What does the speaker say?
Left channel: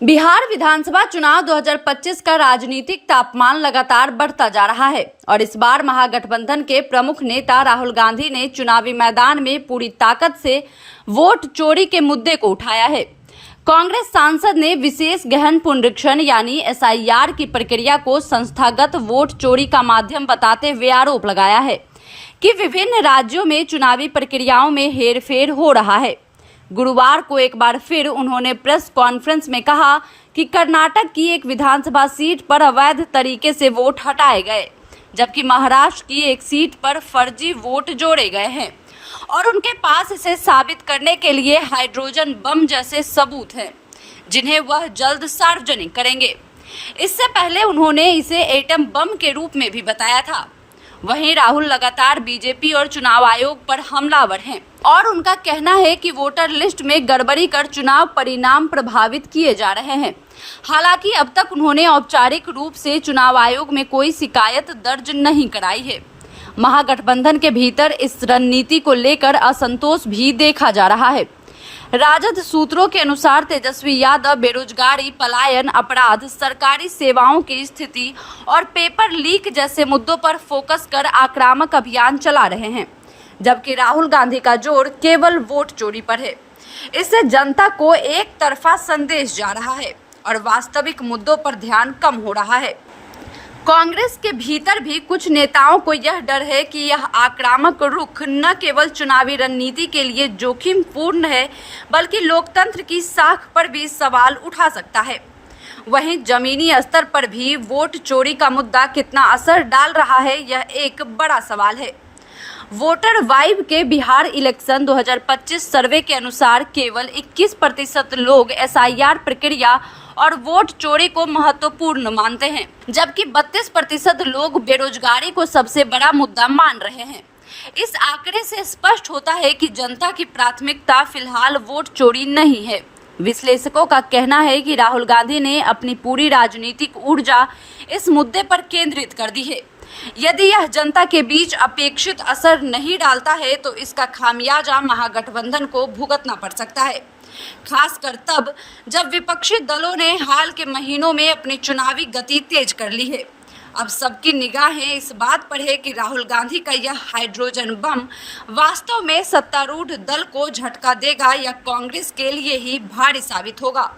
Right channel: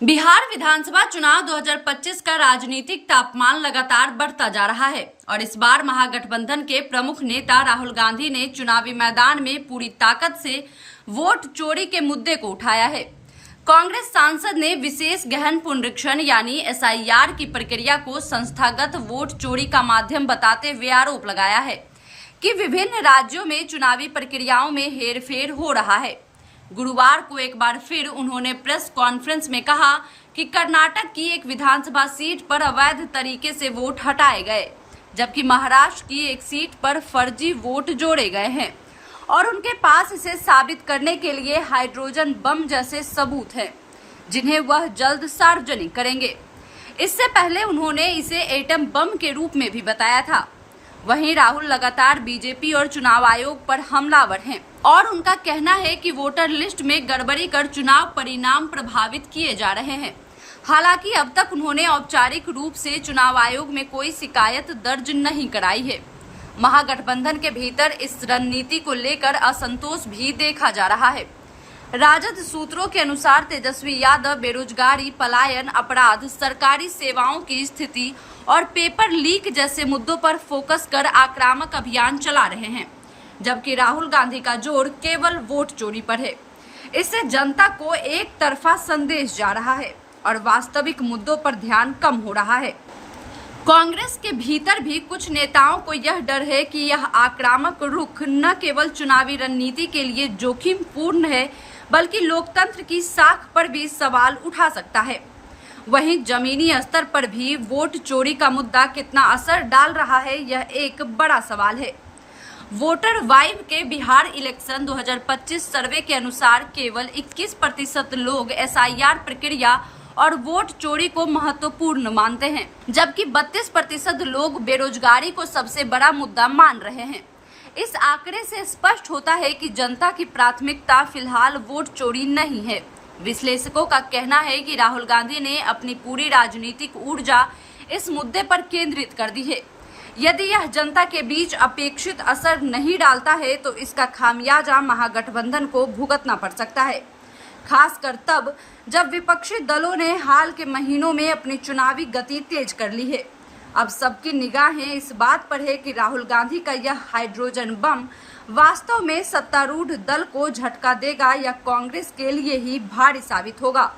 बिहार विधानसभा चुनाव 2025 का राजनीतिक तापमान लगातार बढ़ता जा रहा है और इस बार महागठबंधन के प्रमुख नेता राहुल गांधी ने चुनावी मैदान में पूरी ताकत से वोट चोरी के मुद्दे को उठाया है। कांग्रेस सांसद ने विशेष गहन पुनरीक्षण यानी SIR की प्रक्रिया को संस्थागत वोट चोरी का माध्यम बताते हुए आरोप लगाया है कि विभिन्न राज्यों में चुनावी प्रक्रियाओं में हेरफेर हो रहा है। गुरुवार को एक बार फिर उन्होंने प्रेस कॉन्फ्रेंस में कहा कि कर्नाटक की एक विधानसभा सीट पर अवैध तरीके से वोट हटाए गए, जबकि महाराष्ट्र की एक सीट पर फर्जी वोट जोड़े गए हैं और उनके पास इसे साबित करने के लिए हाइड्रोजन बम जैसे सबूत हैं, जिन्हें वह जल्द सार्वजनिक करेंगे। इससे पहले उन्होंने इसे एटम बम के रूप में भी बताया था। वहीं राहुल लगातार बीजेपी और चुनाव आयोग पर हमलावर हैं और उनका कहना है कि वोटर लिस्ट में गड़बड़ी कर चुनाव परिणाम प्रभावित किए जा रहे हैं। हालांकि अब तक उन्होंने औपचारिक रूप से चुनाव आयोग में कोई शिकायत दर्ज नहीं कराई है। महागठबंधन के भीतर इस रणनीति को लेकर असंतोष भी देखा जा रहा है। राजद सूत्रों के अनुसार तेजस्वी यादव बेरोजगारी, पलायन, अपराध, सरकारी सेवाओं की स्थिति और पेपर लीक जैसे मुद्दों पर फोकस कर आक्रामक अभियान चला रहे हैं, जबकि राहुल गांधी का जोर केवल वोट चोरी पर है। इससे जनता को एक तरफा संदेश जा रहा है और वास्तविक मुद्दों पर ध्यान कम हो रहा है। कांग्रेस के भीतर भी कुछ नेताओं को यह डर है कि यह आक्रामक रुख न केवल चुनावी रणनीति के लिए जोखिम पूर्ण है, बल्कि लोकतंत्र की साख पर भी सवाल उठा सकता है। वहीं जमीनी स्तर पर भी वोट चोरी का मुद्दा कितना असर डाल रहा है, यह एक बड़ा सवाल है। वोटर वाइब के बिहार इलेक्शन 2025 सर्वे के अनुसार केवल 21% लोग SIR प्रक्रिया और वोट चोरी को महत्वपूर्ण मानते हैं, जबकि 32% लोग बेरोजगारी को सबसे बड़ा मुद्दा मान रहे हैं। इस आंकड़े से स्पष्ट होता है कि जनता की प्राथमिकता फिलहाल वोट चोरी नहीं है। विश्लेषकों का कहना है कि राहुल गांधी ने अपनी पूरी राजनीतिक ऊर्जा इस मुद्दे पर केंद्रित कर दी है। यदि यह जनता के बीच अपेक्षित असर नहीं डालता है तो इसका खामियाजा महागठबंधन को भुगतना पड़ सकता है, खासकर तब जब विपक्षी दलों ने हाल के महीनों में अपनी चुनावी गति तेज कर ली है। अब सबकी निगाहें इस बात पर है कि राहुल गांधी का यह हाइड्रोजन बम वास्तव में सत्तारूढ़ दल को झटका देगा या कांग्रेस के लिए ही भारी साबित होगा।